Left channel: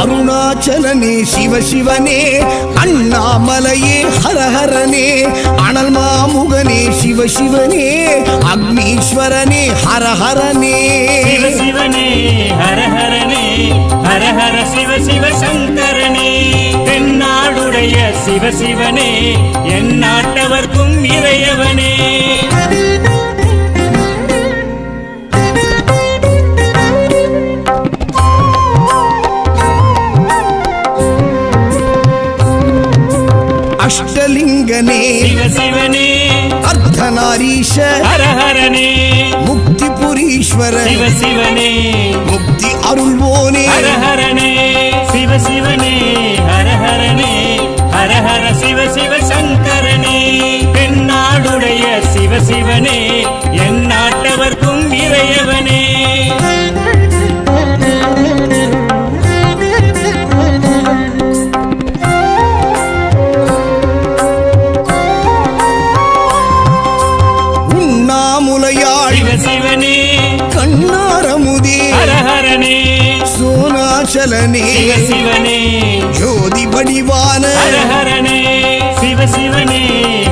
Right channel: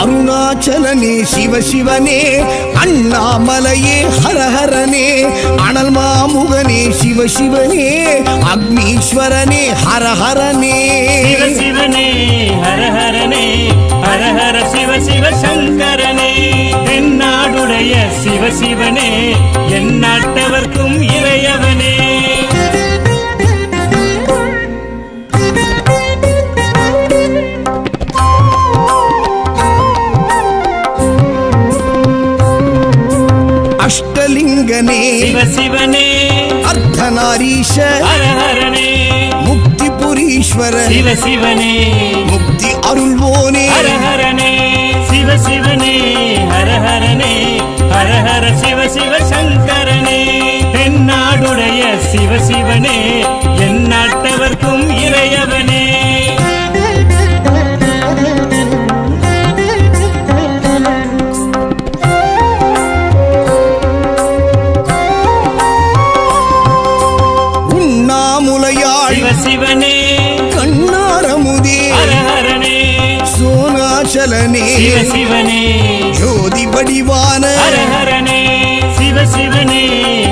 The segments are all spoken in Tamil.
அருணாச்சலனே சிவ சிவனே, அண்ணாமலையே ஹரஹரனே, அனல் மாமுகனே சிவ சிவனே, அக்னீஸ்வரனே ஹரஹரனே. சிவனே ஹரஹரனே, ஹரஹர சிவ சிவ சங்கரனே, தென்னாடுடைய சிவ சிவனே, எந்நாட்டவர்க்கும் இறையவனே. அஷ்டலிங்கனே சிவ சிவனே, அர்த்தநாரீஷ ஹரஹரனே, முக்திபுரீஸ்வர சிவ சிவனே, முக்தி அருள்வோனே. ஹரஹரனே சிவ சிவனே, ஹரஹரனே, ஹரஹர சிவ சிவ சங்கரனே, தென்னாடுடைய சிவ சிவனே, எந்நாட்டவர்க்கும் இறையவனே. உண்ணாமுலையாள் சிவ சிவனே, கண்ணாரமுதே ஹரஹரனே, சோனாச்சலனே சிவ சிவனே, ஜோதி வடிவான ஹரஹரனே சிவ சிவனே,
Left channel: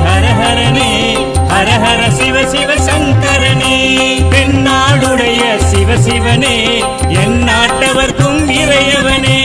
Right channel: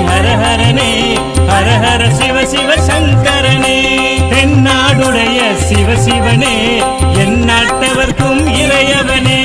ஹரஹரனே, ஹரஹர சிவ சிவ சங்கரனே, தென்னாடுடைய சிவ சிவனே, எந்நாட்டவர்க்கும் இறையவனே.